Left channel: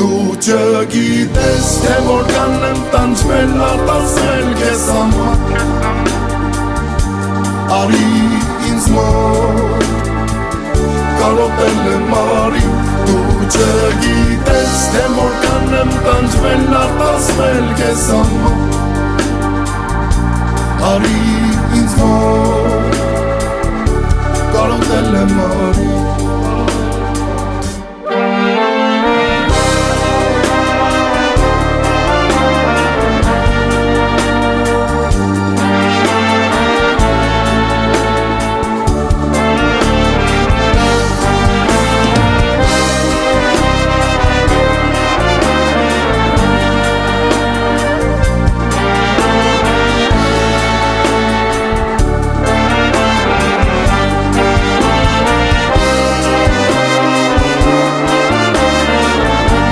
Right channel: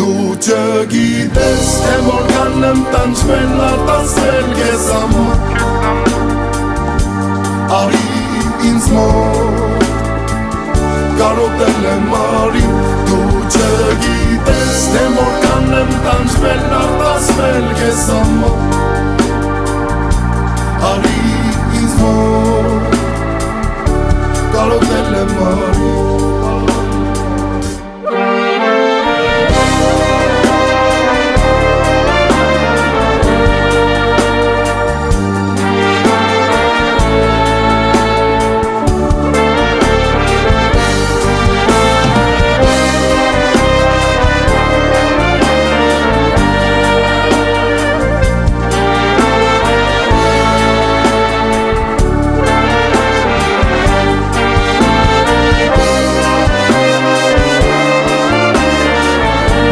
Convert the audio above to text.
Դու չգիտես, թե որքան եմ տանջվել, արտասվել քեզ համար Արի ինձ մոտ, կարոտել եմ արի Դու չգիտես, թե որքան եմ տանջվել, արտասվել քեզ համար Արի ինձ մոտ, կարոտել եմ արի